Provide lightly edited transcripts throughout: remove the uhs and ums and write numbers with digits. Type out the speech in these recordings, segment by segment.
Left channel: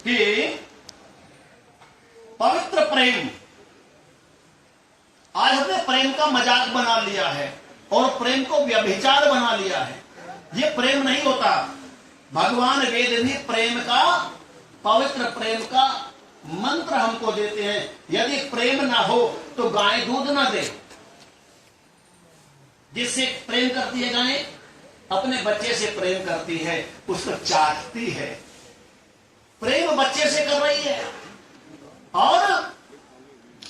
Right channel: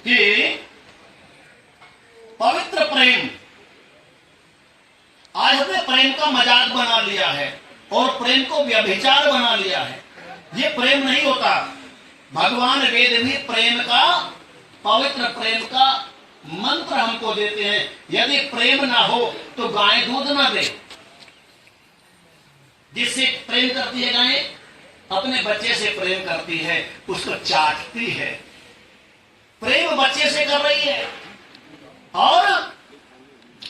कि पवित्र प्रेम, आज हमने प्रेम का मजाक बना लिया है और प्रेम को व्यभिचार बना लिया है। ये प्रेम नहीं होता। भगवान वेद में प्रेम का, पवित्र प्रेम का मंत्र हमको देते हैं। यदि प्रेम ना हो तो गाय दूध ना दे। जिससे प्रेम करती है गाय, अपने बच्चे से प्रेम करती है, उसको चाटती है। प्रेम बच्चे से कर रही है। और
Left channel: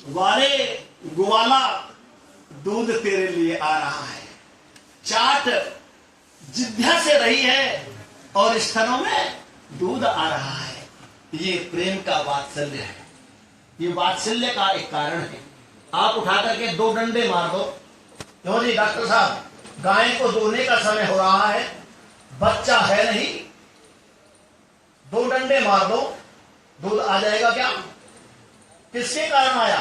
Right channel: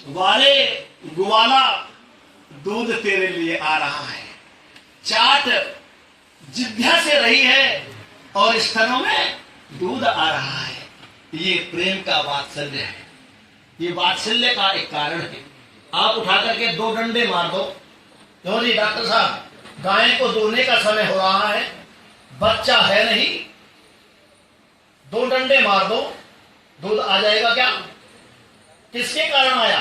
वारे ग्वाला, दूध तेरे लिए आ रहा है। चाट जिद्दा से रही है और स्तनों में दूध आ रहा है। ये प्रेम का वात्सल्य है। ये वात्सल्य का एक कारण है। आप उठा करके 2 डंडे मार दो, लो जी डॉक्टर साहब, गाय को दोने का समय हो रहा है, बच्चा है नहीं, 2 डंडे मार दो, दूध आ जाएगा क्या? किसके कारण आया?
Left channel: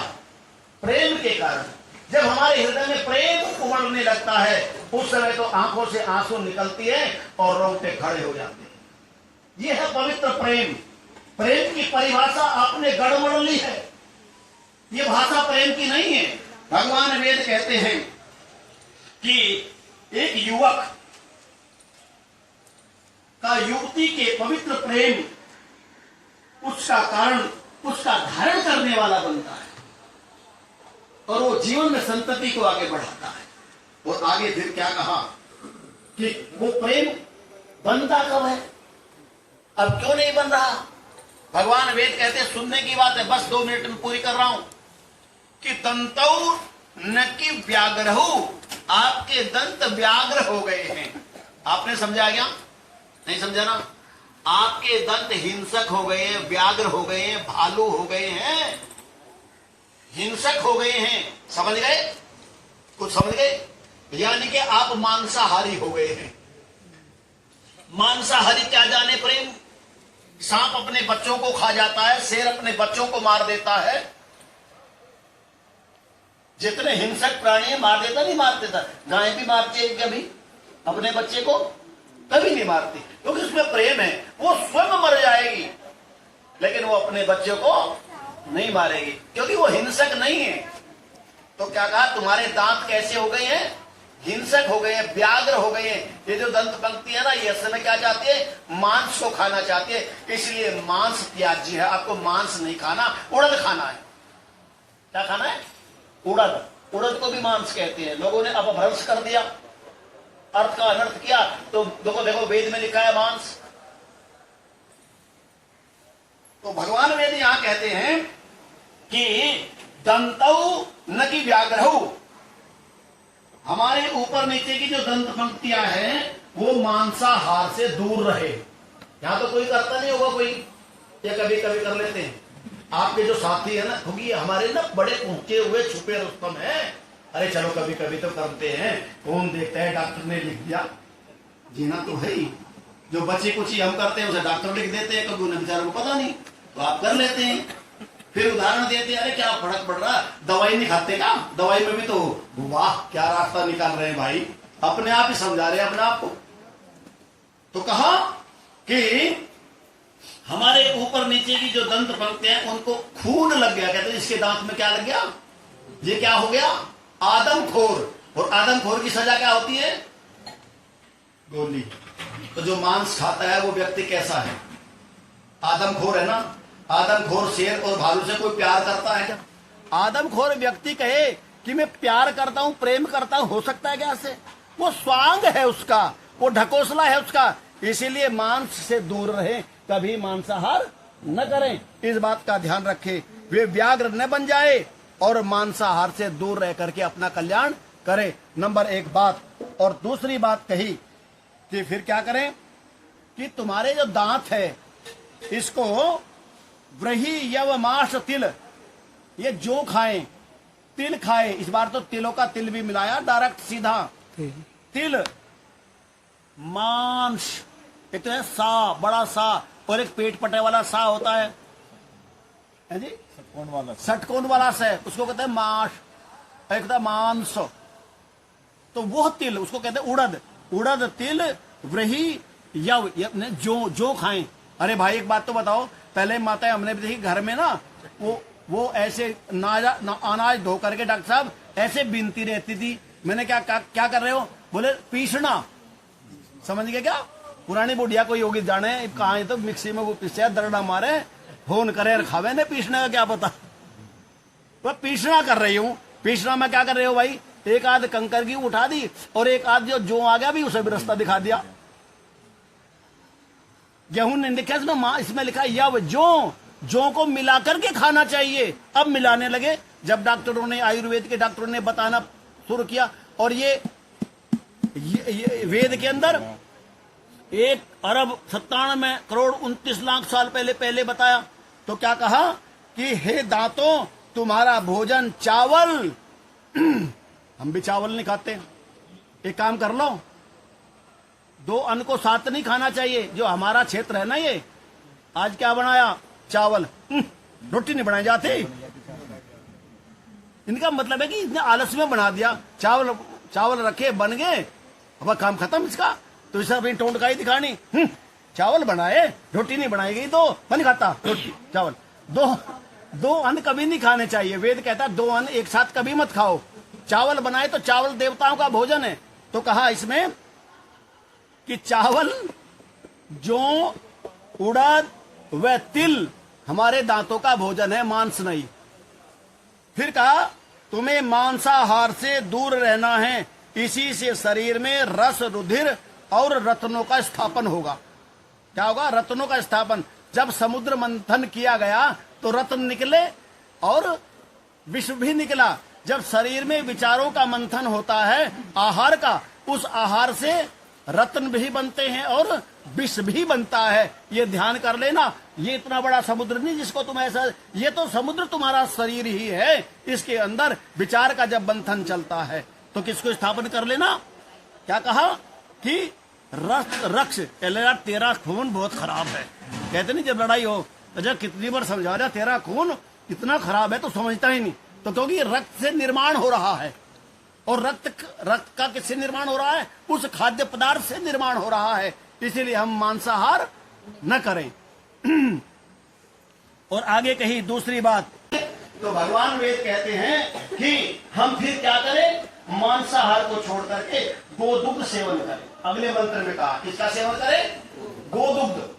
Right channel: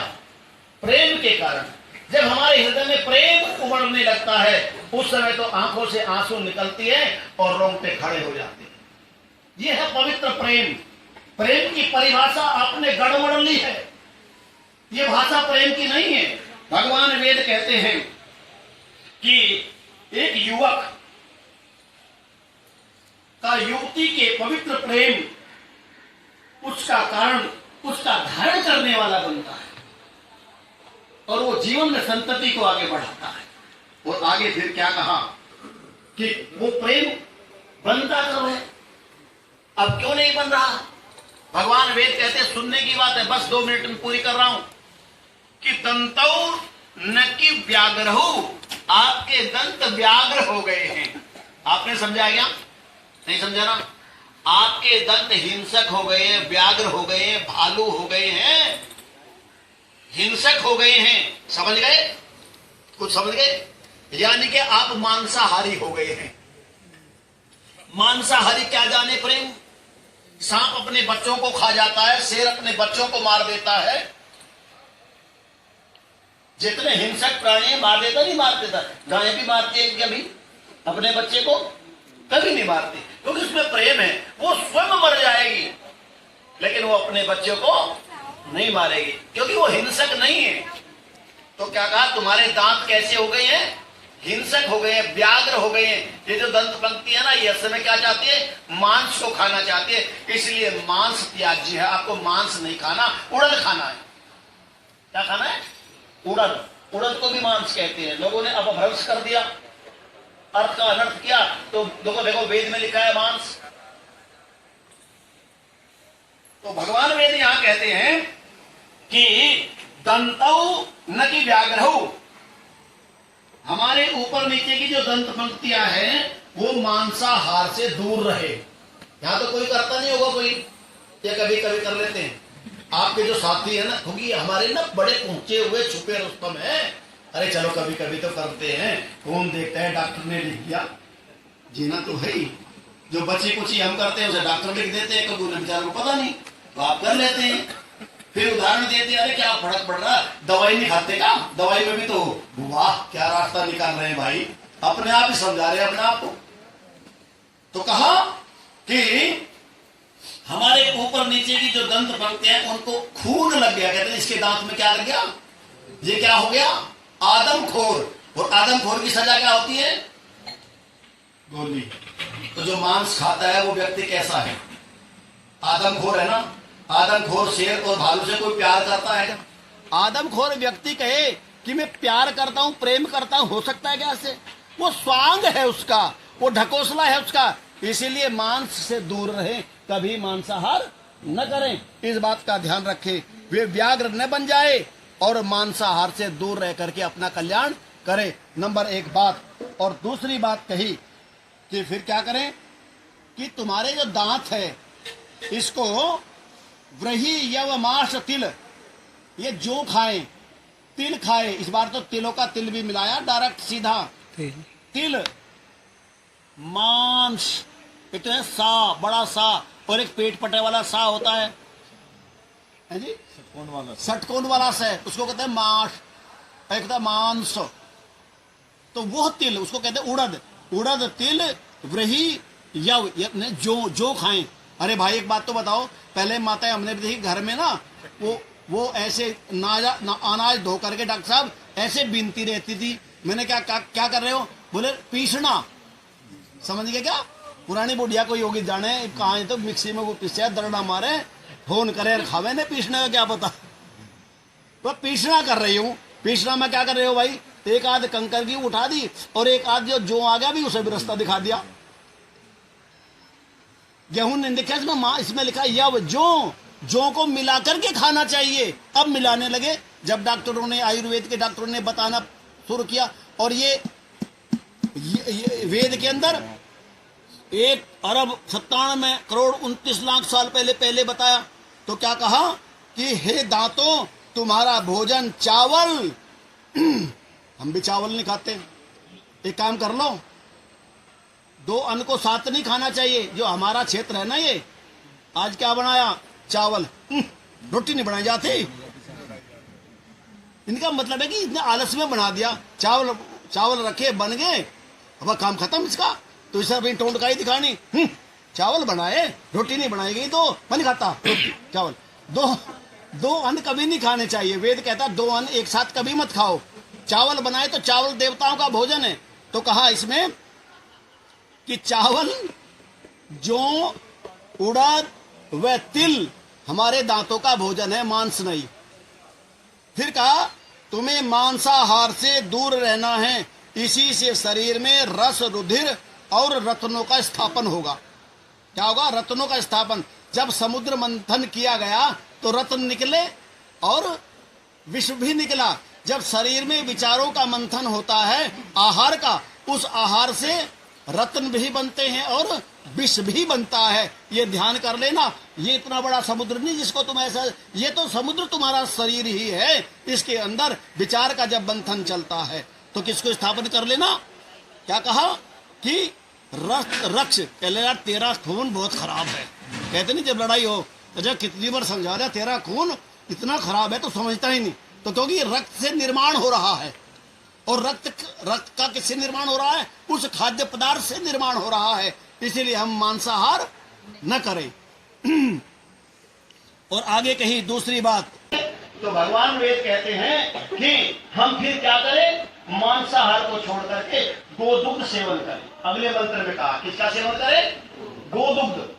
प्रेम के कारण। जब हमारे हृदय में प्रेम उमड़ने लगता है, उस समय तो आंखों से आंसू निकलती है और रोंगटे खड़े हो जाते हैं। यह है पवित्र प्रेम। प्रेम की परिभाषा आपने गड़बड़ ली है। यह भाषा प्रेम की नहीं है। भगवान वेद कहते हैं कि एक युवक का युवती के पवित्र प्रेम उसका कारण, उसका धारण करने वाला बनता है और वो जीवन में संतति को आगे बढ़ाता है। और आगे फिर क्या कहा कि वो प्रेम बनता कब है, अब क्यों नहीं बन रहा? भगवान वेद कहते हैं, सुनने की बात है, बस 2 मिनट में पूरी कर रहा हूं, कि दंतौ न कि व्याघ्रहु, आपके दंत व्याघ्र हो गए हैं। आपने समझा क्या? नहीं समझा ना? आपके दंत हिंसक हो गए हैं, व्याघ्र हो गए हैं, भालू हो गए हैं, हिंसक हो गए हैं। समझ गए? कुछ समझ गए? यानी कि आप मांसाहारी हो गए हैं। मांसाहारी क्या जाने प्रेम? सांप अपने बच्चों को खा जाता है, शेर अपने बच्चों को मार देता है। जितने हिंसक प्राणी मार देता, नहीं मार देता। गाय भी मारती है कभी अपने बच्चे को? कभी नहीं मारती, क्योंकि उसमें प्रेम है। वो स्वयं मर जाएगी लेकिन वो अपने बच्चे को नहीं मारेगी, क्योंकि वो हिंसक नहीं है। तो क्या कहा? तुम्हारे दांत कैसे हो गए हैं? हिंसक हो गए हैं, व्याघ्र हो गए हैं। ये जो दंत पंक्ति है ना, ये असल में क्या चाहती है? मांस को खाना चाहती है। इसलिए मांस त्याज्य है। आपको मांस नहीं खाना, उड़द खाना है। क्या खाना है? उड़द। उड़द को भी मांस कहते हैं। लोगों ने अपभ्रंश कर दिया, अर्थ का अनर्थ किया। तो देखो वेद में लिखा है मांस। तो भगवान वेद यहां कहते हैं कि दंतौ न कि व्याघ्रहु, हमारे ऊपर नीचे की जो दंत पंक्तियां हैं वो मांसाहार से दूर रहे। यहां तो कोई करता नहीं होगा, कोई या कभी कभी कर लेते हैं। आपके जो साथी है ना, क्योंकि हमारे ना बड़े ऊंचे हुए छुपे रुस्तम है। अरे चलो कभी कभी तो करते हैं, कौन देखता है, डॉक्टर ने लिख दिया, जीना तो है ही। जो बची कुची हम करते हैं उसे डॉक्टर लिख देते हैं, कभी उन्हें बेचारों को पता नहीं, तो आप कर लेते हैं। फिर उदाहरण देते हैं, अरे क्या फर्क पड़ रहा, दवाई नहीं खाते का? दवाई में भी तो वाह क्या रास्ता निकाल रहे हैं भाई, अपने आप ही समझा रहे हैं अपने आप को। तो कहा कि हमारे ऊपर नीचे की जो दंत पंक्तियां हैं उनको खून लग गया। कहते हैं इसके दांत में क्या लग गया? ये क्या हो गया? आदमखोर। और आदमखोर की सजा क्या होती है? गोली। तो जो मांस खाता है वो व्यक्ति कैसा है? आदमखोर है ना। आदमखोर शेर और भालू से कोई प्यार करता है क्या? आदमखोर व्यक्ति कहे कि मैं प्यार करता हूं, प्रेम करता हूं, हो सकता है क्या ऐसे? वो स्वांग है उसका, वो ढकोसला है उसका। इसीलिए मांस से दूर रहे, कभी मांसाहार न करें। इस बात का ध्यान रखें, वे व्याघ्र न बन जाए और मांसाहार से दूर रह करके अपना कल्याण करें। नंबर 1 बात। और दूसरी बात कही कि फिर क्या करें कि तुम्हारे जो दांत है इसको व्रही यव मांस तिल, ये जो खाएं, तिल खाए। इस बार तो तिलों का तिल भी मिलाया, डायरेक्ट सीधा तिल, मांस। एक तो है सा, बड़ा सा, और एक पेट पटे वाला सा होता है जी, षटकोण वाला सा, उसको कहते हैं मांस। एक होता है मांस, तो वो तिल उसको कहते हैं उड़द। उड़द, तिल, व्रही, यव, जो खाएं। अरे भाई एक बात तो बताओ, पहले माताएं हमने भी देखी घर में ना, वो ऐसे अनाज धो करके डॉक्टर साहब ऐसे बीनती रहती थी। मैंने क्या कर रहे हो? बोले पीसना। समझ गए क्या? पुरानी बुढ़िया कोई होगी जाने कहाँ है, तो मिक्सी में वो पीसे दरड़ा मारे होन करे और खावे ने, पीसने का क्या पता। तो पीसना कर रही हूँ। पीसना में क्या कर रहे हो भाई? एक आध कंकर की उठा दी और एक आध जो आ गया भी उसे भी रास्ता दिखा दिया। गेहूं नहीं लिखा इसमें लिखा है यव जो को मिला करके खाना चाहिए। अब मिलाने लगे जब डॉक्टरों ने, आयुर्वेद के डॉक्टरों ने बताना शुरू किया। और ये वेद के अंदर 1,97,29,29,00,000 साल पहले बताया। तो क्या कहा कि हे दांतों तुम्हारा भोजन चावल। हम भी चावल नहीं खाते। एक काम कर लो, 2 अन्न को साथ नहीं खाना चाहिए। जो हमारा क्षेत्र है ना, ये आज क्या बनाया? चावल। रोटी नहीं बनाई जाती। इनका मतलब है कि इतने आलस में बना दिया। चावल रखे बन गए, अब काम खत्म इसका। तो इसे अपनी टोंटकाई दिखानी, चावल बनाए रोटी नहीं बनाई गई तो मन खाता रोटी चावल। दो अन्न कभी नहीं खाने चाहिए। वेद कहता 2 अन्न एक साथ कभी मत खाओ। चावल बनाए तो चावल देवताओं का भोजन है। तो कहा इसमें कि चावल, जौ, उड़द व तिल हमारे दांतों का भोजन है, मांस नहीं। फिर कहा तुम्हें मांसाहार से दूर रहना है, इसी से शरीर में रस, रुधिर और रत्नों का स्थापन होगा। क्या होगा? रत्नों का स्थापन। जब समुद्र मंथन किया गया तो रत्न निकले और विष भी निकला। जब शरीर में विचारों का मंथन होता है आहार का, उस आहार से रत्न भी बनते हैं और विष भी बनता है। ये ध्यान कर लेना। ये इतना बड़ा समुद्र नहीं जिसको तुम ऐसा, ये तो समुद्र तुम्हारा शरीर ही है। इसके अंदर विचार का जब मंथन चलता है तो किसको स्थापन कर लेना? क्या कहा कि रक्ष कहले यार तेरा खून बहुत खराब है। कहते नहीं जब लड़ाई हो तो जब कितनी बार समझा रहा तेरा खून इतना खराब है तो समझता ही नहीं। तो क्योंकि रक्त से निर्माण हो रहा है, और रक्त का किससे निर्माण हो रहा है? उस खाद्य पदार्थ से निर्माण हो रहा है। इसीलिए हम मांसाहार न करें। और आगे कही दूसरी बात, तो भगवान वेद कहते हैं कि हम फिर क्या करें? मांसाहार को छोड़ करके गोदुग्ध सेवन करें। अगले मंत्र में कहा किसका सेवन करें? गोदुग्ध।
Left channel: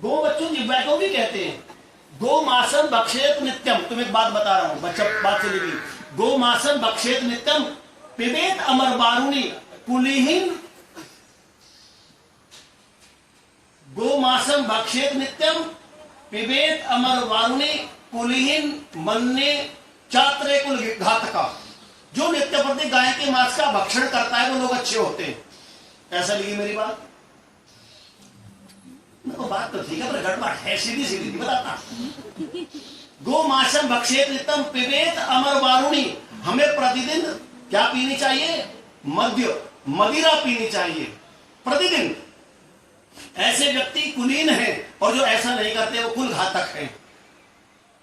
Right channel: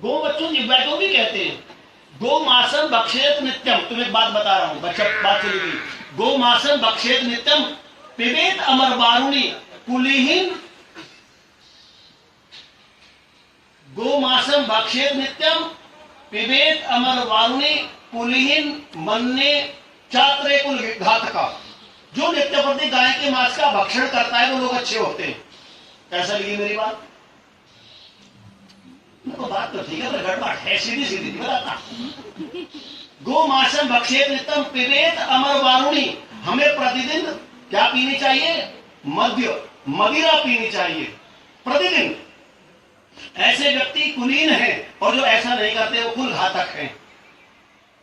गो बच्चों जिह्वा को भी कहते हैं। गो मासन भक्षेत नित्यम। तुम्हें एक बात बता रहा हूं, बच्चा बात चलेगी। गो मासन भक्षेत नित्यम पिबेत अमर वारुणी कुलीहीन। गो मासन भक्षेत नित्यम पिबेत अमर वारुणी कुलीहीन मन्ने चात्रे कुल घातका। जो नित्य प्रति गाय के मांस का भक्षण करता है वो लोग अच्छे होते हैं। कैसा लगी मेरी बात? तो बात तो ठीक है पर गड़बड़ है, सीधी सीधी बताता। गो मासम भक्षेत नित्यम पिबेत अमर वारुणी। हमें प्रतिदिन क्या पीनी चाहिए? मदिरा पीनी चाहिए प्रतिदिन। ऐसे व्यक्ति कुलीन है और जो ऐसा नहीं करते वो कुल घातक है।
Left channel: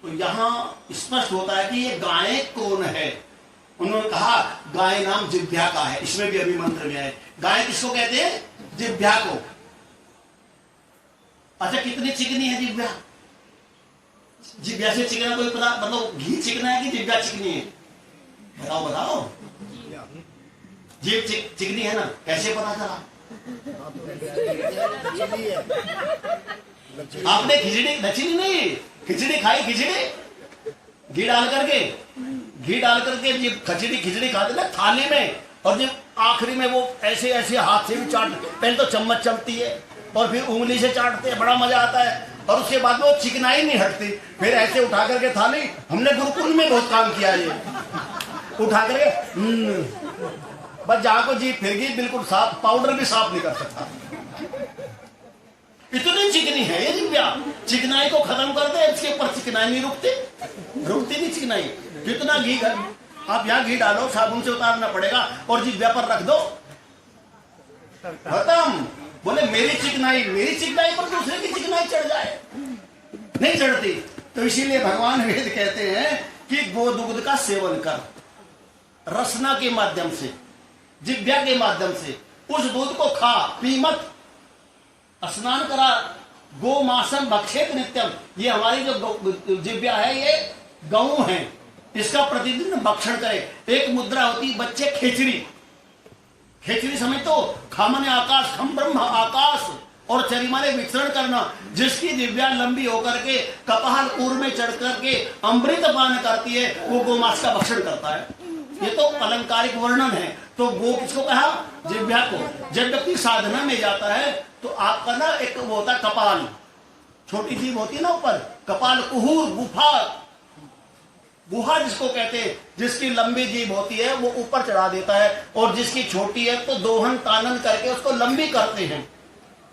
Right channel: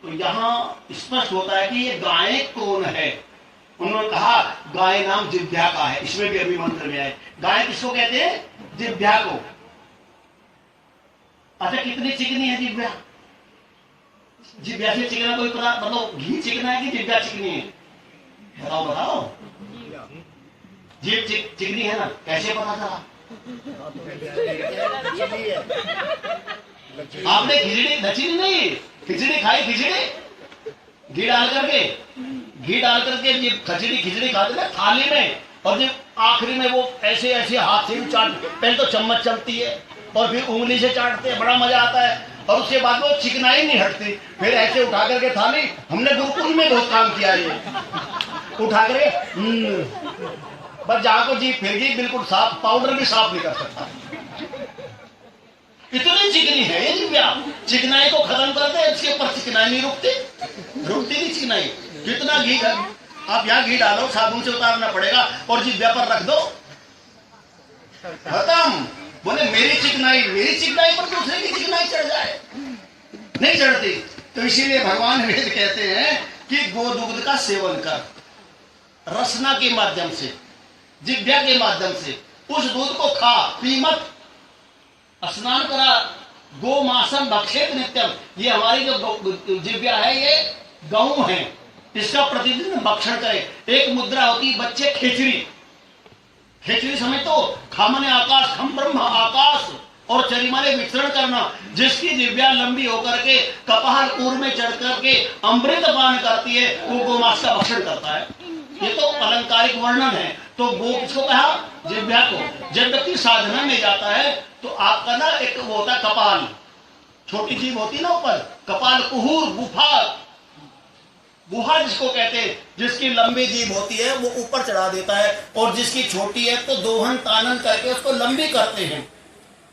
तो यहां स्पष्ट होता है कि ये गाय कौन है। उन्होंने कहा गाय नाम जिह्वा का है। इसमें भी अभी मंत्र गया है। गाय किसको कहते हैं? जिह्वा को। अच्छा कितनी चिकनी है जिह्वा? जिह्वा से चिकना कोई पता, मतलब घी चिकना है कि जिह्वा चिकनी है? बताओ। जीभ चिकनी है ना, कैसे पता चला? आपने खिचड़ी लचीनी नहीं, खिचड़ी खाई, खिचड़ी घी डाल करके जब खिचड़ी खाते ना थाली में, और जब आखिरी में वो ऐसे ऐसे हाथ से भी चाट, पहले तो चम्मच चलती है और फिर उंगली से चाटते हैं, बड़ा मजा आता है। और उसके बाद वो चिकनाई नहीं हटती, फिर ऐसे उठा करके थाली, हमने गुरुकुल में बहुत काम किया ये, उठा करके बस जहां को जी फिर गई बिल्कुल साफ, पाउडर भी साफ नहीं कर सकता। इतनी चिकनी है ये जिह्वा। चिकनाई को खत्म करते हैं, इसके ऊपर चिकनाई नहीं रुकती नहीं चिकनाई। कितना घी आप यहाँ घी डालो, साबुन से उतारना पड़ेगा और जिह्वा पर रख दो, खत्म। बोले मेरी चिकनाई पर दूसरे की चिकनाई चढ़ जाए, नहीं चढ़ती। तो इसीलिए भगवान वेद कहते हैं कि गोदुग्ध का सेवन कर, रसना के माध्यम से, जिह्वा के माध्यम से उस दूध को खा, पी मत। स्नान करा गो मासम भक्षेत नित्यम, ये हमारी जो जिव्या है ये गऊ है, इसका प्रतिदिन भक्षण करे। एक मुद्रा होती है बच्चे खेचरी, खेचरी समझ तो खामने आकाश, खम ब्रह्म आकाश और चरिमाने विचरण करना। जिसकी दिव्या लंबी होकर के कपाल ऊर में चढ़ करके अमृत पान करती है, वो गोमांस का भक्षण करता है। ये तो अलंकारिक वर्णन है। तो गो किसको कहा? जिव्या को। जब व्यक्ति साधना में जाता है तो आपका ना एक वो होता है कपाल, छोटी जीभ होती है ना ऊपर, कपाल कुहूर, गुफा, गुहा जिसको कहते हैं, जिसकी लंबी जीभ होती है वो ऊपर चढ़ा देता है, और जिसकी छोटी है तो दोहन तानन करके उसको लंबी करते हैं।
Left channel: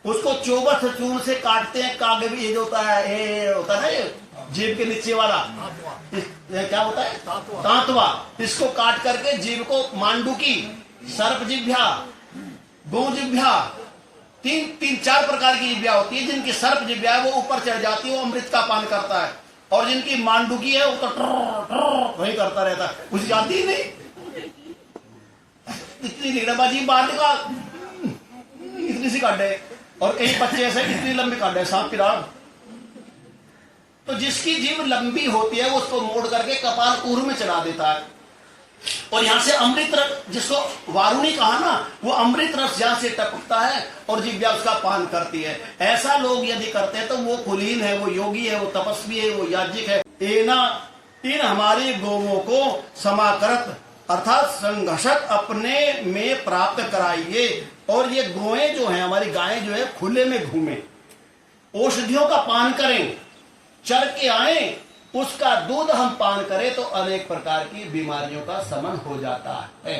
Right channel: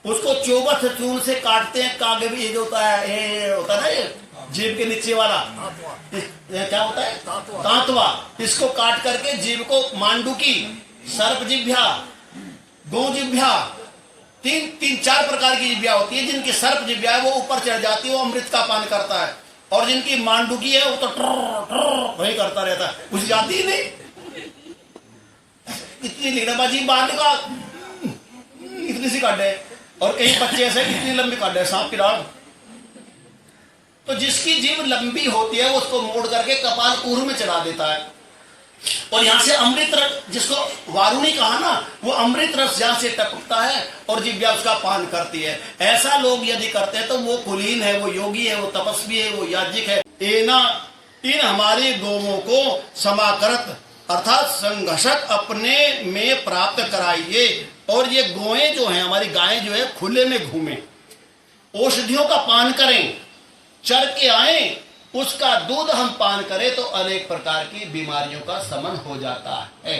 उसको चौबठ चूर्ण से काटते हैं। कागे भी ये जो होता है, ये होता है ना, ये जीभ के नीचे वाला क्या होता है? तांतवा। इसको काट करके जीभ को मांडुकी, सर्प जिभ्या, गो जिभ्या, तीन चार प्रकार की जिभ्या होती है। जिनकी सर्प जिभ्या है वो ऊपर चढ़ जाती है, वो अमृत का पान करता है, और जिनकी मांडुकी है वो तो ट्र वही करता रहता है, कुछ जाती ही नहीं। इतनी लिगड़बाजी बाहर निकाल, इतनी सी काटे, और कई बच्चे ऐसे इतनी लंबी काटे सांप की डाल। तो जिसकी जीभ लंबी होती है वो उसको मोड़ करके कपाल ऊर में चढ़ा देता है, और यहां से अमृत रस, जिसको वारुणी कहा ना, वो अमृत रस यहां से टपकता है और जिव्या उसका पान करती है। ऐसा लोग यदि करते हैं तो वो कुलीन है, वो योगी है, वो तपस्वी है, वो याज्ञिक है। एना इन हमारे गोवों को समाकरत अर्थात संघर्षक अपने में प्राप्त कराइए, और ये गोएं जो हैं, हमारी गायें जो है, खुले में घूमें, औषधियों का पान करें, चर के आए, उसका दूध हम पान करें तो अनेक प्रकार की बीमारियों का शमन हो जाता है।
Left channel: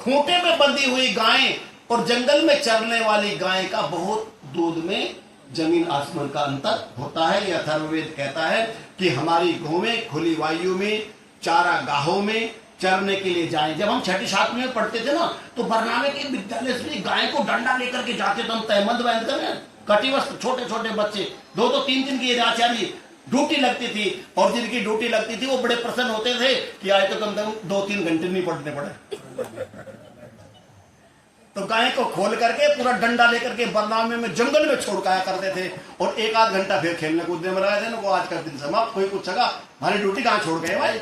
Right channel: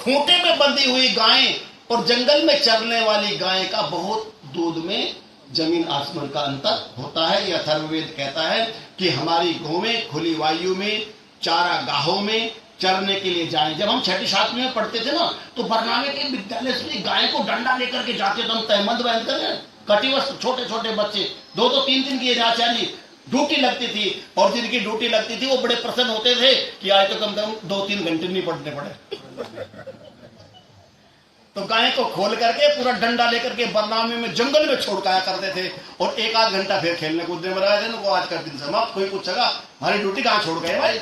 खूंटे में बंधी हुई गायें और जंगल में चरने वाली गायें का बहुत दूध में जमीन आसमान का अंतर होता है। यह अथर्ववेद कहता है कि हमारी गौवें खुली वायु में, चारा गाहों में चरने के लिए जाएं। जब हम छठी सातवीं में पढ़ते थे ना, तो बरनामे के विद्यालय से गाय को डंडा लेकर के जाते थे हम, तहमद बहन कर कटिवस्त्र, छोटे छोटे बच्चे, 2-2 3-3 की आचार्य ड्यूटी लगती थी, और जिनकी ड्यूटी लगती थी वो बड़े प्रसन्न होते थे कि आज तो कम से कम 2-3 घंटे नहीं पढ़ने पड़े। तो गाय को खोल करके पूरा डंडा लेकर के बरनामे में जंगल में छोड़काया करते थे, और 1-8 घंटा फिर खेलने कूदने में लगाए थे ना। आज का दिन समाप्त। कोई पूछेगा हमारी ड्यूटी कहाँ छोड़ गए भाई?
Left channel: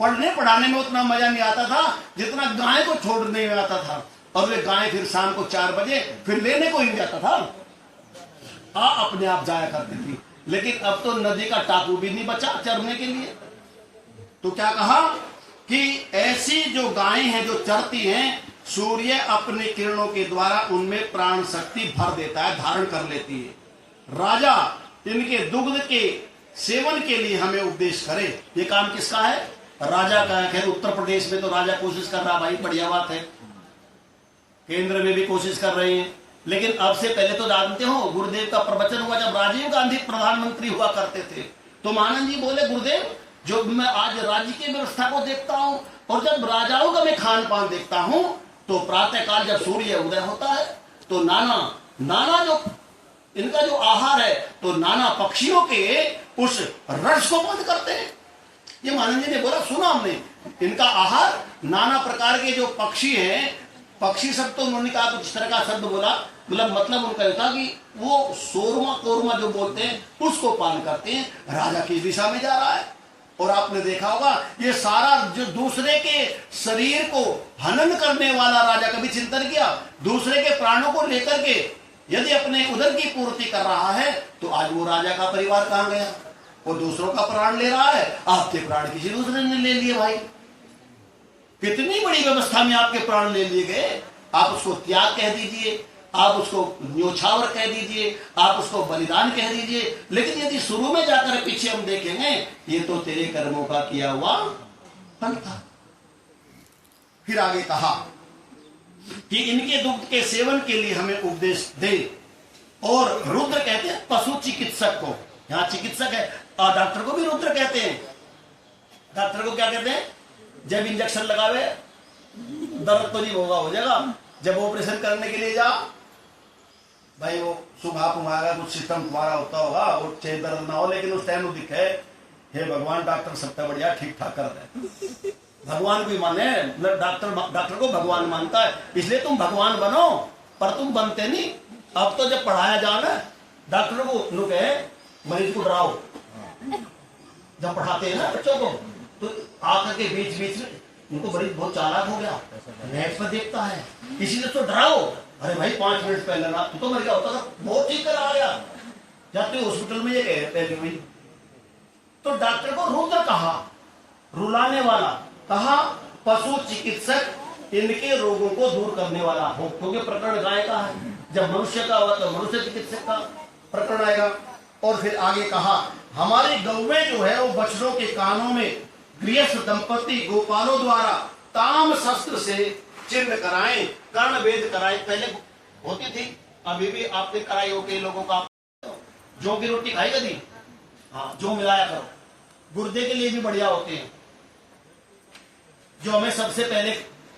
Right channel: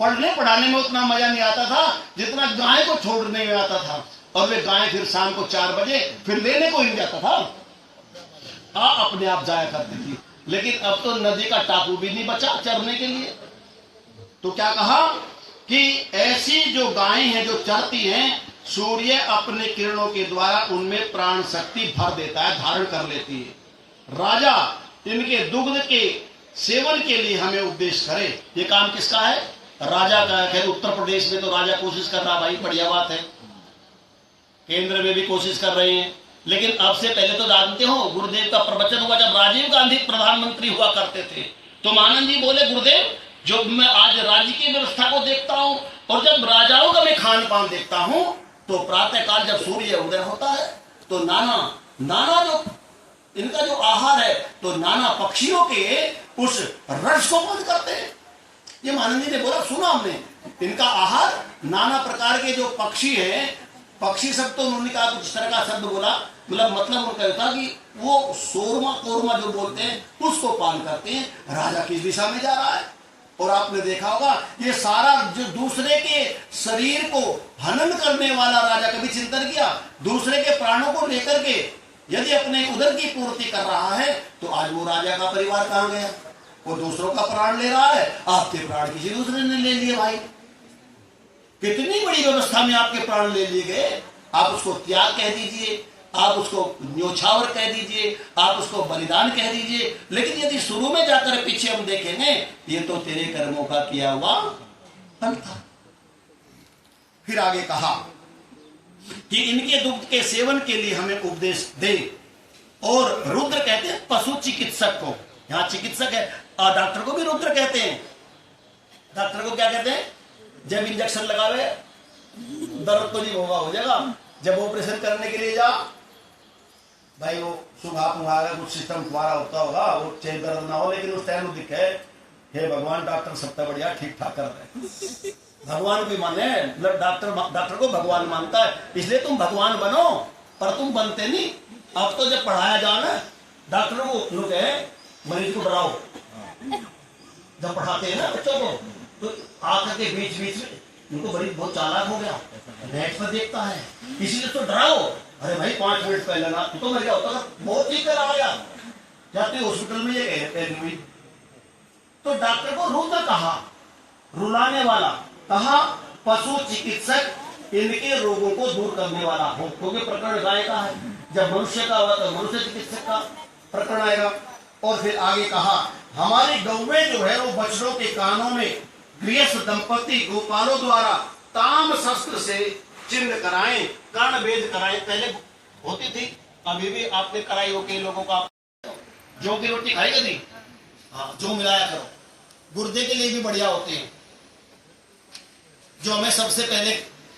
पढ़ने पढ़ाने में उतना मजा नहीं आता था जितना गाय को छोड़ने में आता था। और वे गाय फिर शाम को 4 बजे फिर लेने को ही जाता था, अपने आप जाया करती थी। लेकिन अब तो नदी का टापू भी नहीं बचा चरने के लिए। तो क्या कहा कि ऐसी जो गायें हैं जो चरती हैं, सूर्य अपने किरणों के द्वारा उनमें प्राण शक्ति भर देता है, धारण कर लेती है। राजा इनके दुग्ध के सेवन के लिए हमें उपदेश करे। ये काम किसका है? राजा का है। खैर उत्तर प्रदेश में तो राजा कोशिश कर रहा, भाई बढ़िया बात है। केंद्र में भी कोशिश कर रहे हैं, लेकिन अब से पहले तो जानते हो गुरुदेव का प्रवचन हुआ जब राजीव गांधी प्रधानमंत्री हुआ करते थे, तो मानंद जी बोले, गुरुदेव जो मैं आज राज्य की व्यवस्था को देखता हूं और जब राजाओं का मैं खान पान देखता हूं, तो प्रातः काल जब सूर्य उदय होता है तो नाना जो इनका जो आहार है, तो नाना पक्षियों के उस रस को बंद करते हैं। ये मानंद जी ने बोला, सुना हमने, इनका आहार नाना प्रकार के जो पक्षी हैं, पक्षी शब्द तो उन्होंने कहा कुछ तरह का शब्द बोला, मतलब उनका ये था कि वो सोरमा कोरमा जो बोलते हैं उसको पान करते हैं। राजा किस दिशा में जा रहा है? और आपने देखा होगा ये सारा जो दूसरे के शरीर को हनन करने वाला राजा कभी चिंतन किया? दूसरे के प्राणों को लेकर के यदि अपने उदर की पूर्ति कर रहा है, तो आज वो राजा का परिवार कहां गया? वो दूसरों का प्राण ले रहा है, आपके प्राण किसी दूसरे ने ले लिए। भाई कितनी बड़ी व्यवस्था में आपके प्राण ले लिए गए। आप उसको त्याग कह दीजिए, आप उसको न्योछावर कह दीजिए, आप उसको बलिदान कह दीजिए, लेकिन यदि शुरू में जाकर पीछे हम देखेंगे, ये तो तेरे कर्मों का किया हुआ फल था। फिर आगे कहा कि इनके दुग्ध के सेवन के लिए हमें उपदेश दे। और रुद्र कहते हैं पशु चिकित्सक को, यहां चिकित्सक है, और डॉक्टर को भी रुद्र कहते हैं। डॉक्टर को क्या कहते हैं? जब इंजेक्शन लगावे दर्द तो नहीं होगा, हो जाएगा। जब ऑपरेशन करने के लिए जा, भाई वो सुबह तुम्हारा कुछ सिस्टम तुम्हारा होता होगा, वो चाहे दर्द ना हो, लेकिन उस टाइम वो दिखे, हे भगवान डॉक्टर सबसे बढ़िया ठीक ठाक कर दे। भगवान भी माने, डॉक्टर को भगवान मानता है, इसलिए तुम भगवान बनो, पर तुम बनते नहीं। अब तो जब पढ़ाया जाए ना डॉक्टरों को, लोग कहे मरीज को डराओ, जब पढ़ाते हैं ना बच्चों को, तो आकर के बीच बीच में उनको बड़ी बहुत चालाक हो गया, नेट पर देखता है, इसीलिए तो डराओ। अरे भाई 5 मिनट पहले ना तो मर गया होता था, बहुत ठीक कर आ गया, जाते हॉस्पिटल में ये कहते हैं भाई। तो डॉक्टर को रोता कहा, रुलाने वाला कहा पशु चिकित्सक इनके रोगों को दूर करने वाला हो, क्योंकि प्रकरण गाय का है, जब मनुष्य का होगा तो मनुष्य चिकित्सक का प्रकरण आएगा। और फिर आगे कहा हमारी गौवें जो है वो बछड़ों के कानों में गृहस्थ दंपति गोपालों द्वारा ताम शस्त्र से चिन्ह कराएं, कर्ण वेद कराएं। पहले होती थी, अभी भी आपने कराई हो कई लोगों का। जौ की रोटी खाई कभी? हाँ, जौ मिलाया करो, गुर्दे के लिए भी बढ़िया होते हैं। जो हमें सबसे पहले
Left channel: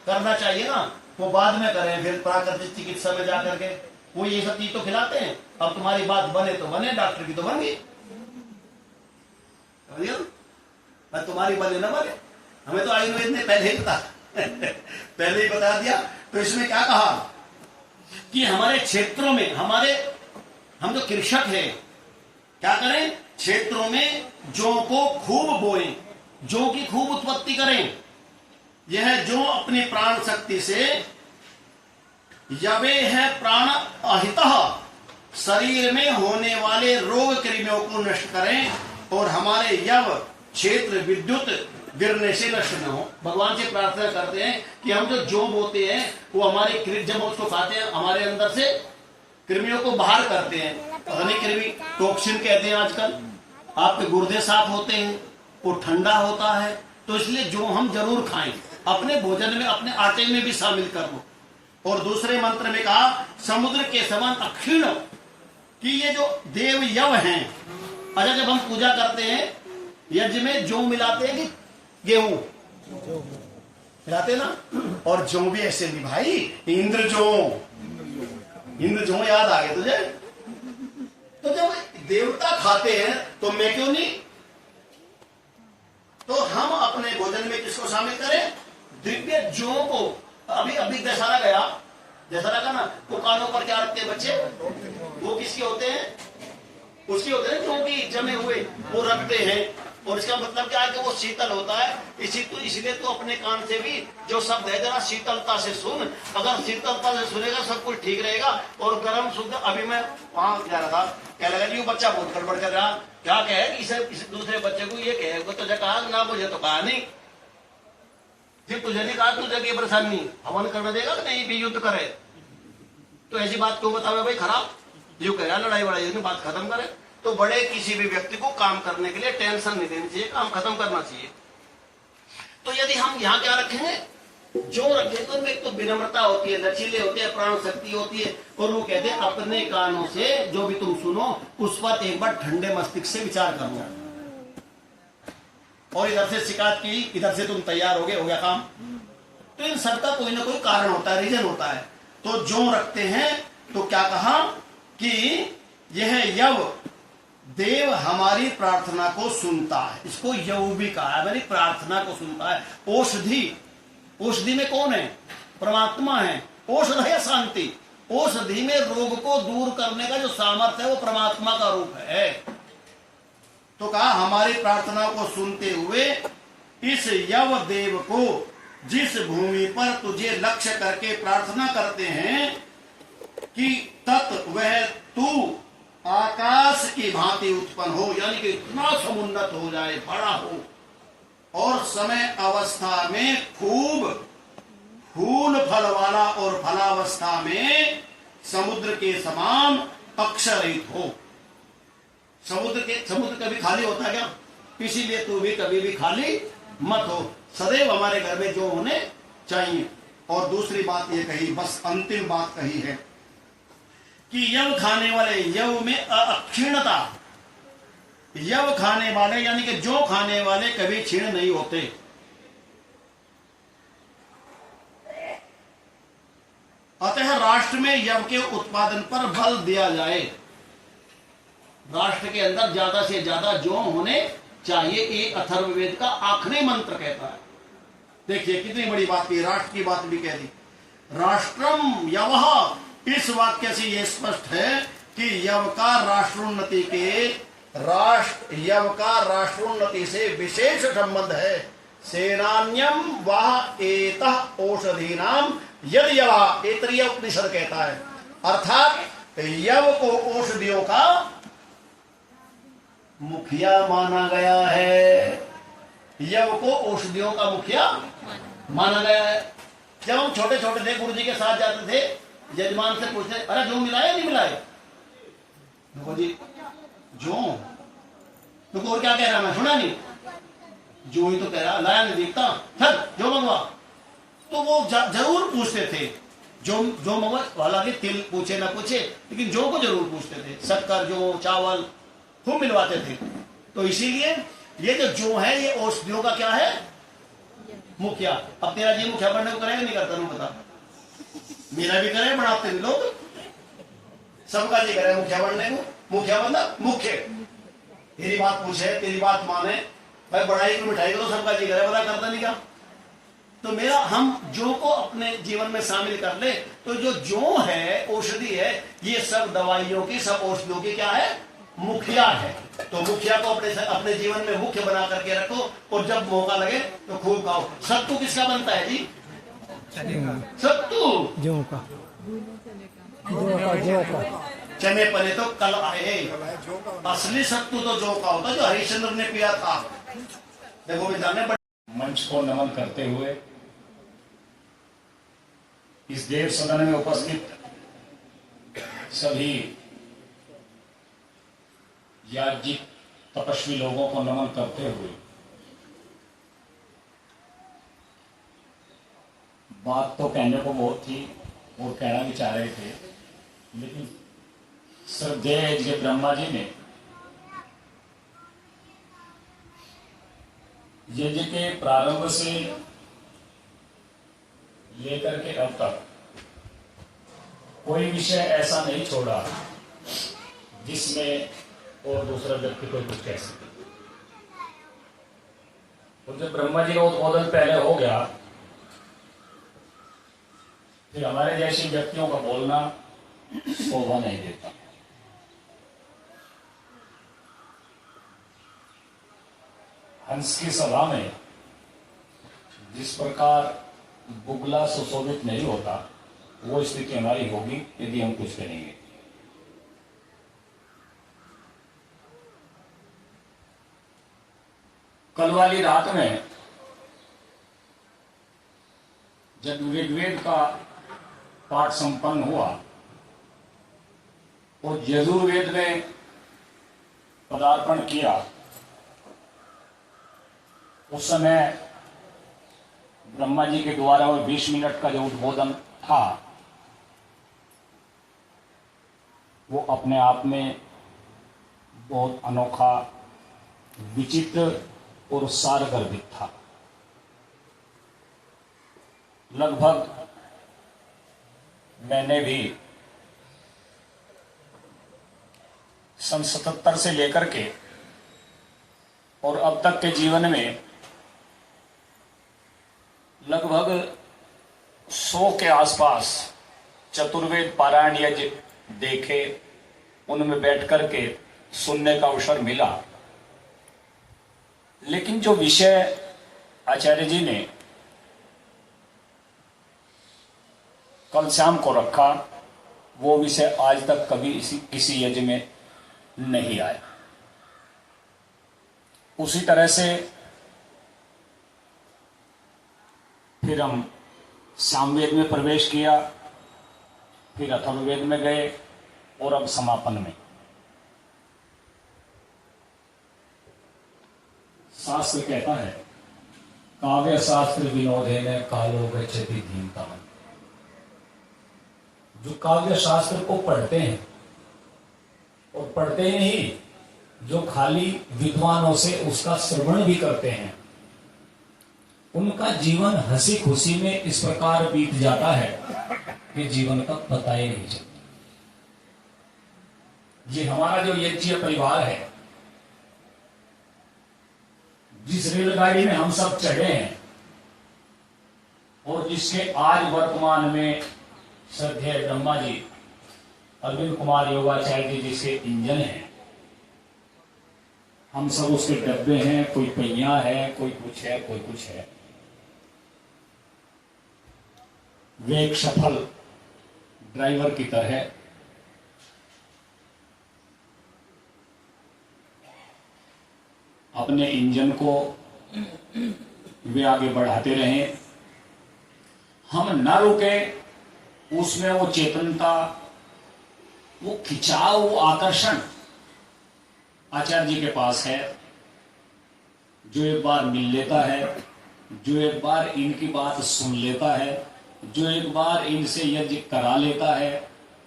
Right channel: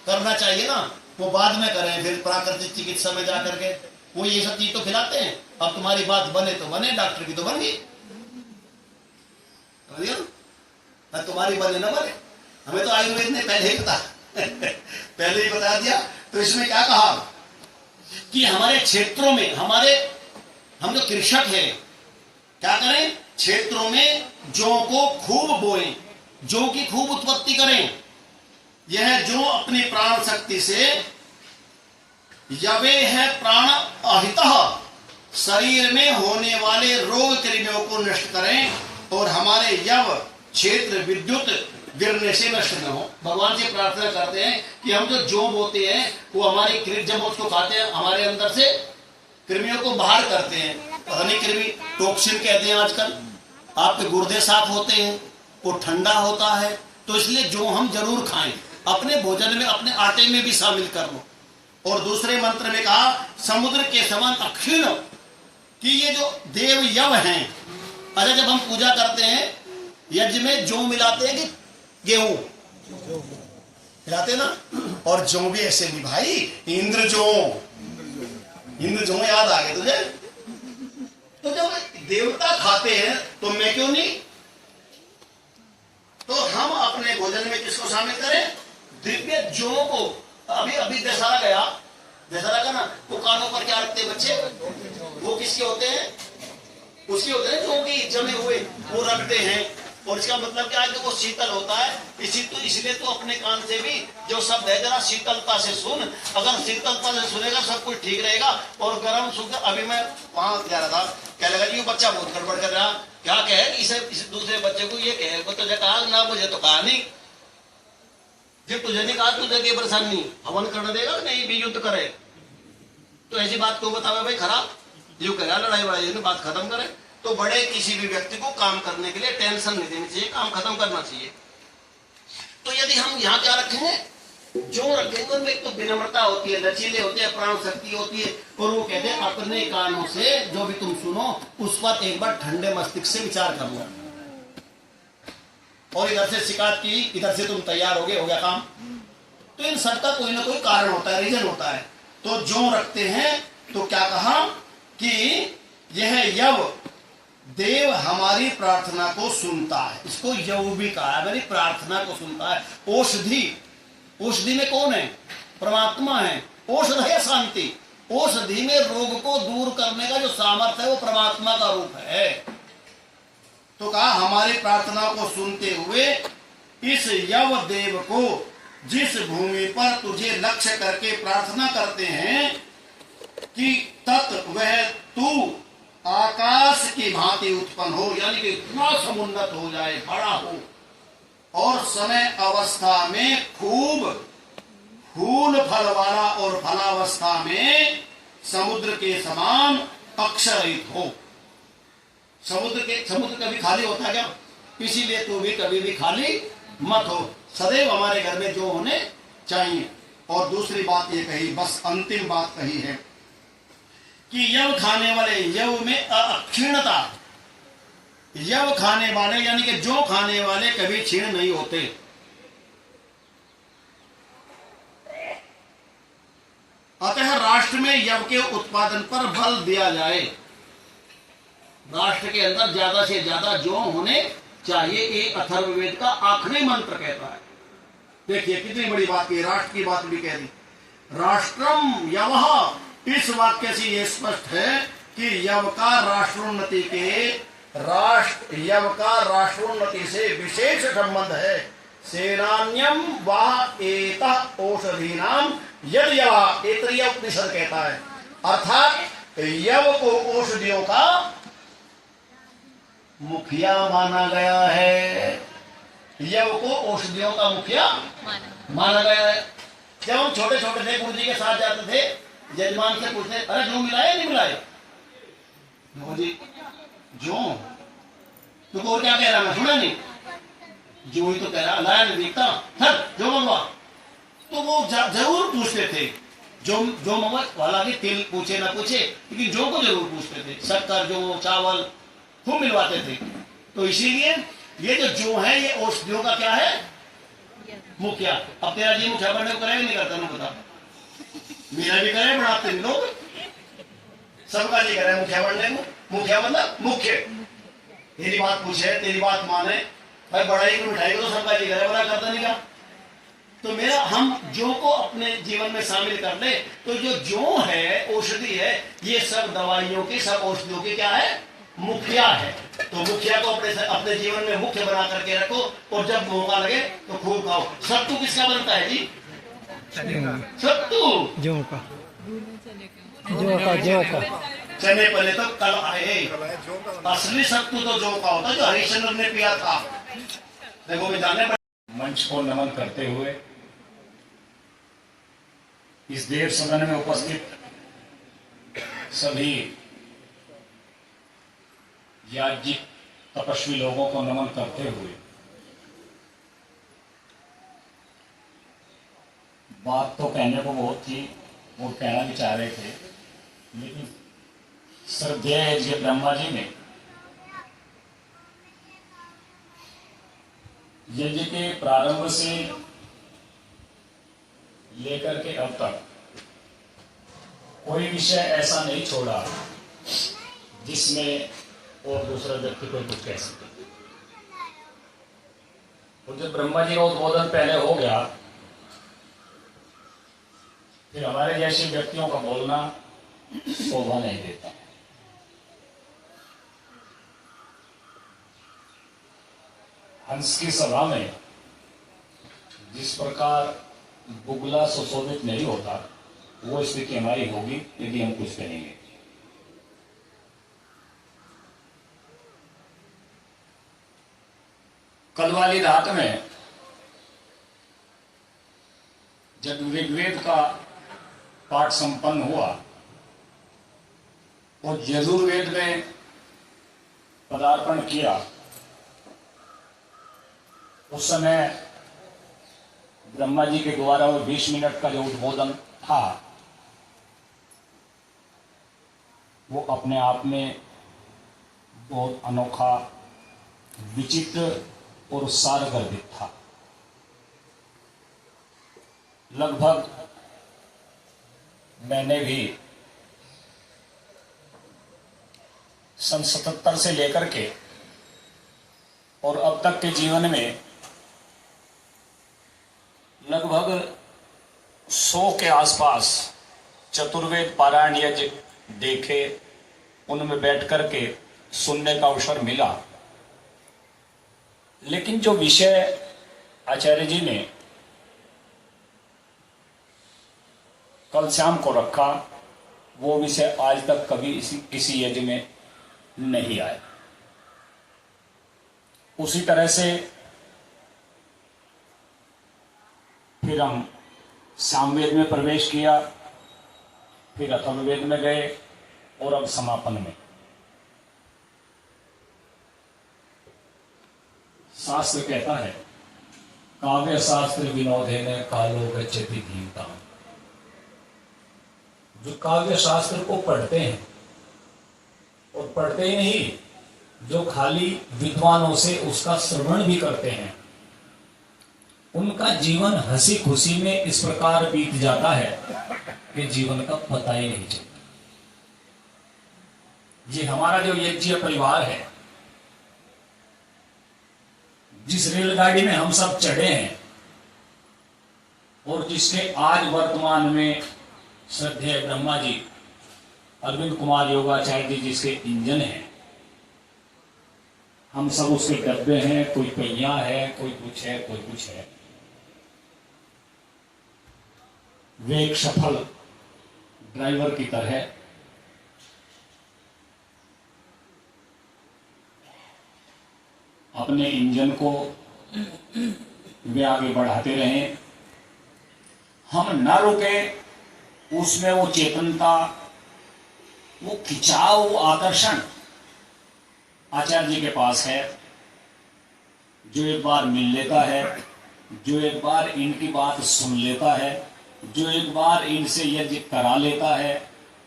करना चाहिए ना वो बाद में करें, फिर प्राकृतिक चिकित्सा में जाकर के वो ये सब चीज तो खिलाते हैं। अब तुम्हारी बात बने तो बने, डॉक्टर की तो बन गई, तुम्हारी बने ना बने। हमें तो आयुर्वेद ने पहले ही पहले ही बता दिया। तो इसमें क्या कहा कि हमारे क्षेत्रों में हम जो कृषक है क्या करें, क्षेत्रों में जौ को खूब बोएं, जौ की खूब उत्पत्ति करें। यह जो अपनी प्राण शक्ति से यवे है प्राण अहितः शरीर में होने वाले रोग कृमियों को नष्ट करें और हमारे यव क्षेत्र विद्युत गिरने से नष्ट न हो। भगवान से प्रार्थना करते हैं कि हम जो जौ बोते हैं वो हमारे जब उसको खाते हैं हमारे अंदर से कृमियों को बाहर करते हैं। पता नहीं कृमि टॉक्सिन कहते हैं आजकल, आपके गुर्दे साफ होते हैं, वो ठंडा होता है। तो इसलिए जो हम जरूर खाएं, अपने भोजन में अपने आटे में भी शामिल कर लो। और दूसरे मंत्र में कहा समुद्र के समान अक्षीण, कि ये जो देव यव हैं, अच्छा जब हम पूजा करते हैं यज्ञ में जौ मिलाते हैं कि गेहूं मिलाते ना, और जौ भी ऐसे भी भाई, इंद्र जौ याद आ गए तुझे? तो जब देवता खाते हैं तो मैं क्यों नहीं? तो हम अपने भोजन में किसको शामिल करें? दिव्य जौ को। अभी दशहरा गया, दशहरा का ना वो कानों पर क्या रखते हैं बच्चे, वो किसके होते हैं? उसके होते हैं जौ की जमे हुए, वो रखते हैं। और इसका मतलब क्या है कि वो शीतल होता है। इसलिए तो अपने कान से भी जो शब्द है जरा शीतलता से सुन, अगर शीतलता से सुनेगा सब कुछ ठीक रहेगा। और गर्म सुन, अभी मैं वहां जा रहा था, क्या लगा जी बच्चा बहुत गड़बड़ कर रहा, क्या कहे इसे दूसरे बच्चे को ये कहे वो तुझे कहा ना, मुझे तो कहा नहीं, फिर तुझे नहीं कहा तुझे की परेशानी हवन करने देगा नहीं भी युद्ध करे, तो ऐसी बात क्यों बतावे भाई खराब, यूं कह रहा लड़ाई वड़ाई बात खत्म करे। तो बड़े किसी भी व्यक्ति को काम करने के लिए टेंशन नहीं देनी चाहिए, काम खत्म करना चाहिए। तो यदि हम यहाँ क्या रखेंगे, जो रखेंगे तो एक तो विनम्रता होती है, लचीले होते हैं, प्राण शक्ति होती है। और वो कहते हैं अपने कानों से जो भी तुम सुनो उस पर एक बार ठंडे मस्तिष्क से विचार कर लो। और इधर से शिकायत की, इधर से तुम तैयार हो गया काम। तो इन सबका कोई ना कोई कारण होता है, रीजन होता है। तो जो रखते हैं तो क्या कहा कि यह यव देव हमारी प्रार्थना को सुनता है, इसको यव भी कहा है, मेरी प्रार्थना को सुनता है। औषधि में कौन है? परमात्मा है। औषध है शांति, औषधि में रोग को दूर करने का जो सामर्थ्य है वो परमात्मा का रूप है। तो कहा हमारी प्रार्थना को सुनते हुए इस यव देव को जिस भूमि पर तुझे लक्ष्य करके प्रार्थना करते हैं कि तत् वह तू आकाश की भांति उत्पन्न हो, यानी कि इतना समुन्नत हो जाए, बड़ा हो, और समय अवस्था में खूब फूल फल वाला और फलावस्था में समुद्र के समान अक्षरहित हो। समुद्र कभी खाली होता है क्या? इसीलिए तू भी कभी भी खाली मत हो, सदैव हमारे घर में जो होने चाहिए। और दूसरी बात ये कही, बस अंतिम बात कही है कि यव खाने वाले, यव में अक्षीणता, यव खाने वाले यानी कि जो खाने वाले कभी क्षीण नहीं होते। अतः राष्ट्र में यव के उत्पादन पर बल दिया जाए, राष्ट्र के अंदर ज्यादा से ज्यादा जो होने चाहिए, ये अथर्ववेद का आखिरी मंत्र कहता है। देखिए कितनी बड़ी बात की, राष्ट्र की बात भी कह दी। राष्ट्रम यवः इस वाक्य से यह स्पष्ट है कि यव का राष्ट्रोन्नति से विशेष संबंध है। सेनान्यम वह एतः औषधीनाम यद यवा, ऐतरेय उपनिषद कहता है, अर्थात यव को औषधियों का मुखिया माना गया है। यव को औषधियों का मुखिया माना गया है। जब हम छोटे छोटे थे, गुरु जी के साथ जाते थे, यजमान से पूछते, अरे जो मिलाए नहीं मिलाए? देखो जी, जो तुमको और क्या कह रहा, मैं सुना नहीं, जो ही तो कह रहा, लाया नहीं देखता, सर जो मंगवा। तो वो जरूर पूछते थे, जो मंगवा, हालांकि तिल पूछे ना पूछे, लेकिन जो को जरूर पूछते थे। शक्कर, जो, चावल खूब मिलवाते थे। तो इसीलिए ये जो है, ये औषधियों का क्या है? मुखिया। अब तेरा जी मुखिया बनने को करेगा नहीं करता, तुम बता? मेरा भी करे, बढ़ाते नहीं लोग, सबका जी करे मुखिया बनने को। मुखिया मतलब मुख्य। तेरी बात पूछे, तेरी बात माने, भाई बढ़ाई को मिठाई को तो सबका जी करे, पता करता नहीं का। तो मेरा हम जो को अपने जीवन में शामिल कर ले, तो जो है औषधि है, ये सब दवाइयों की, सब औषधियों की क्या है? मुखिया है। तो मुखिया को अपने जीवन में मुख्य बना करके रखो, और जब मौका लगे तो खूब खाओ। सत्तू किसका बनता है जी? सत्तू जौ का, चने पने तो कल आए। असली सत्तू तो जौ का होता, जो हरिश्चंद्र ने पिया था। देखो मैं जाने मंच को नमन करते हुए इस देव सदन में उपस्थित सभी याज्ञिक तपस्वी लोगों को नमन करते हुए बात तो कहने को बहुत थी और कहना भी चाह रहे थे, लेकिन श्रद्धेय जी ब्रह्मा जी ने यज्ञ के प्रारंभ से लेकर के अब तक कोई विषय ऐसा नहीं छोड़ा जिसमें और दूसरा व्यक्ति को कुछ कह सके। और जब ब्रह्मा जी का उद्बोधन पहले हो गया, फिर हमारे जैसे व्यक्तियों का बोलना शोभा नहीं देता। हंस की सभा में जिस प्रकार बुगला सुशोभित नहीं होता, वो स्थिति हमारी होगी यदि हम कुछ करेंगे। कल वाली रात में जब ऋग्वेद का पाठ संपन्न हुआ और यजुर्वेद में पदार्पण किया, उस समय ब्रह्मा जी के द्वारा वो 20 मिनट का जो उद्बोधन था, वो अपने आप में बहुत अनोखा, विचित्र और सारगर्भित था। लगभग मैंने भी सन 77 से लेकर के और अब तक के जीवन में लगभग 100 के आसपास चतुर्वेद पारायण यज्ञ देखे, उनमें बैठ करके सुनने का अवसर मिला। लेकिन जो विषय आचार्य जी ने कल शाम को रखा, वो विषय आज तक कभी किसी यज्ञ में नहीं आया। उसी तरह से फिर हम सामवेद में प्रवेश किया, फिर अथर्ववेद में गए और अब समापन में। शास्त्र कहता है, काव्य शास्त्र विनोदे में कालो गच्छति धीमता। जो काव्य शास्त्र को पढ़ते हैं, और पढ़ते ही नहीं, जो खाली विद्वानों से उसका श्रवण भी करते हैं, उनका जीवन हंसी खुशी में इस प्रकार बीत जाता है कि जीवन का पता ही नहीं चलता। ये हमारा जो यज्ञ परिवार है, जिस रेलगाड़ी में हम सब चढ़े हैं और जिसके आज वर्तमान में श्रद्धेय ब्रह्मा जी अरविंद कुमार योगाचार्य जी जिसके इंजन हैं, हम सब उसके डब्बे हैं, कोई पहिया है, कोई कुछ है, कोई कुछ है। वे एक सफल ड्राइवर की तरह अपने इंजन को वे आगे बढ़ाते रहे, हम न रुके। उसमें वो चेतनता, वो खिंचाव, वो आकर्षण आचार्य जी के पास है। जो एक बार मिल लेता है, जो एक बार इनकी बात सुन लेता है, जो एक बार इनसे यज्ञ करा लेता है,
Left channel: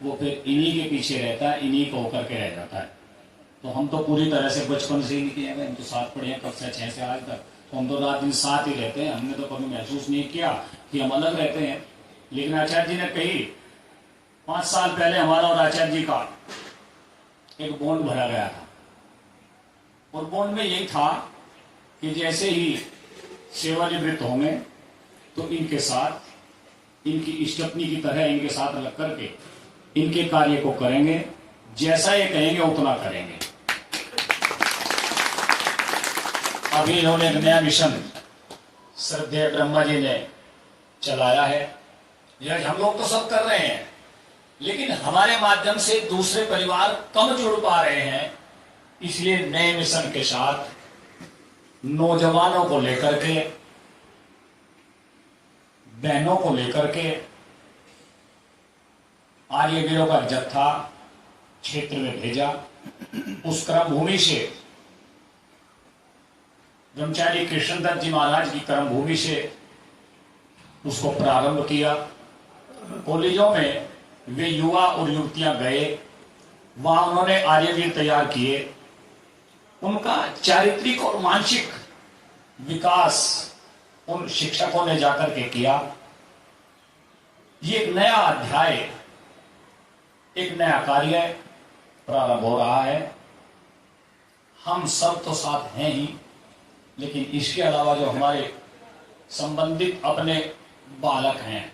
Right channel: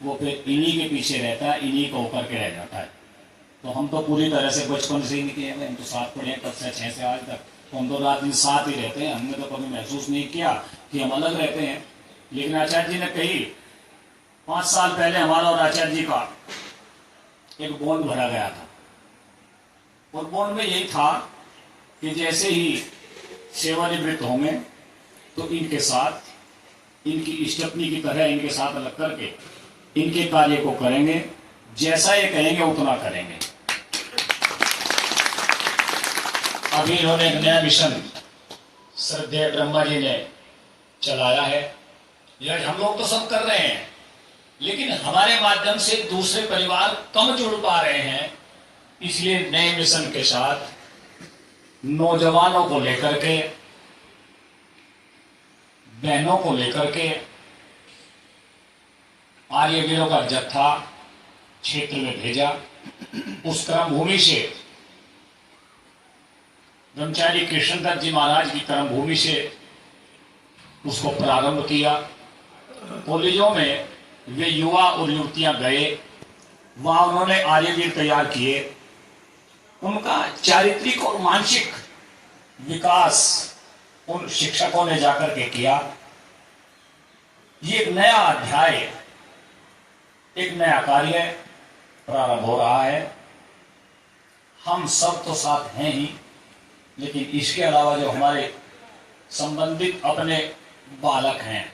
वो फिर इन्हीं के पीछे रहता है, इन्हीं को होकर के रह जाता है। तो हम तो पूरी तरह से बचपन से ही किए हैं, हम तो साथ पढ़े हैं, कक्षा 6 से आज तक, तो हम तो रात दिन साथ ही रहते हैं। हमने तो कभी महसूस नहीं किया कि हम अलग रहते हैं। लेकिन आचार्य जी ने कही 5 साल पहले हमारा और आचार्य जी का एक बॉन्ड भरा गया था, और बॉन्ड में यही था कि जैसे ही सेवानिवृत्त होंगे तो इनके साथ, इनकी स्टेपनी की तरह इनके साथ अलग करके इनके कार्य को करेंगे, जैसा ये कहेंगे उतना करेंगे। अभी इन्होंने एक नया मिशन श्रद्धेय ब्रह्मा जी ने चलाया है। यह हम लोग तो सब कर रहे हैं, लेकिन हमारे माध्यम से दूसरे परिवार कम जुड़ पा रहे हैं। इसलिए नए मिशन के साथ नौजवानों को लेकर के, बहनों को लेकर के आर्यवीरों का जत्था क्षेत्र में भेजा। उस क्रम भूमि से ब्रह्मचारी कृष्णदत्त जी महाराज की कर्म भूमि से उसको प्रारंभ किया। कॉलेजों में वे युवा और युवतियां गए, वहां उन्होंने आर्यवीर तैयार किए। उनका चारित्रिक और मानसिक विकास उन शिक्षकों ने जाकर के किया। ये एक नया अध्याय, एक नया कार्य प्रारंभ हो रहा है। हम सब तो साथ हैं ही, लेकिन इसके अलावा जो हमारे संबंधित अपने बालक हैं,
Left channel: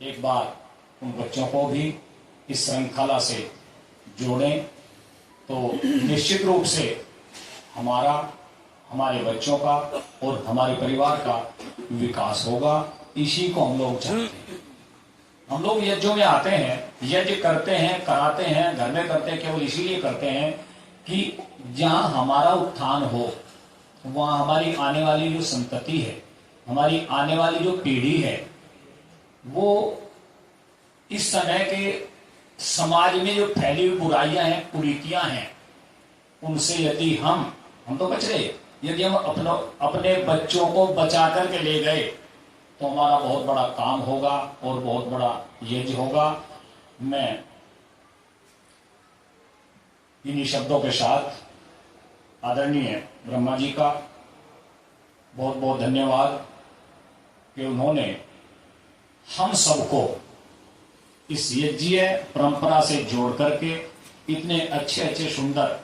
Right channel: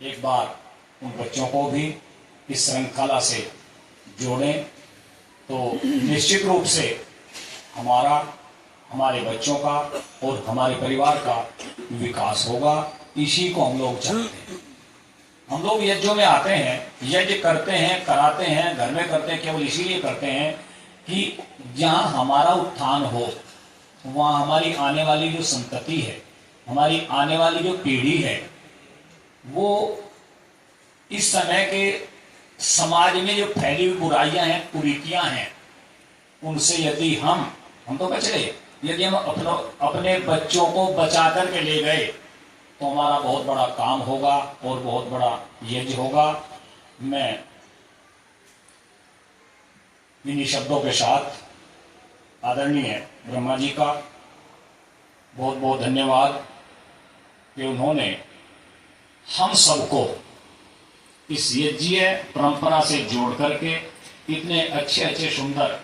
एक बार उन बच्चों को भी इस श्रृंखला से जोड़ें तो निश्चित रूप से हमारा, हमारे बच्चों का और हमारे परिवार का विकास होगा। इसी को हम लोग चाहते हैं। हम लोग यज्ञों में आते हैं, यज्ञ करते हैं, कराते हैं, घर में करते हैं, केवल इसीलिए करते हैं कि जहां हमारा उत्थान हो, वहां हमारी आने वाली जो संतति है, हमारी आने वाली जो पीढ़ी है, वो इस समय के समाज में जो फैली हुई बुराइयां हैं, कुरीतियां हैं, उनसे यदि हम तो बच गए, यदि हम अपने बच्चों को बचा करके ले गए तो हमारा बहुत बड़ा काम होगा और बहुत बड़ा यज्ञ होगा। मैं इन्हीं शब्दों के साथ आदरणीय ब्रह्मा जी का बहुत बहुत धन्यवाद कि उन्होंने हम सबको इस यज्ञीय परंपरा से जोड़ करके इतने अच्छे अच्छे सुंदर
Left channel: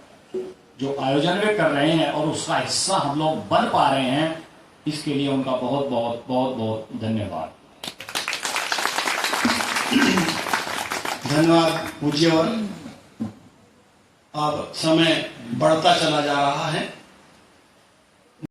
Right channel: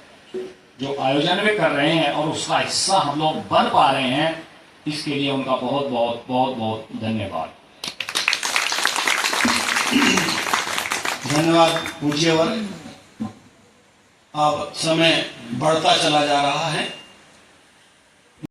जो आयोजन वे कर रहे हैं और उसका हिस्सा हम लोग बन पा रहे हैं, इसके लिए उनका बहुत बहुत बहुत बहुत धन्यवाद। धन्यवाद पूज्यवर। अब समय बढ़ता चला जा रहा है।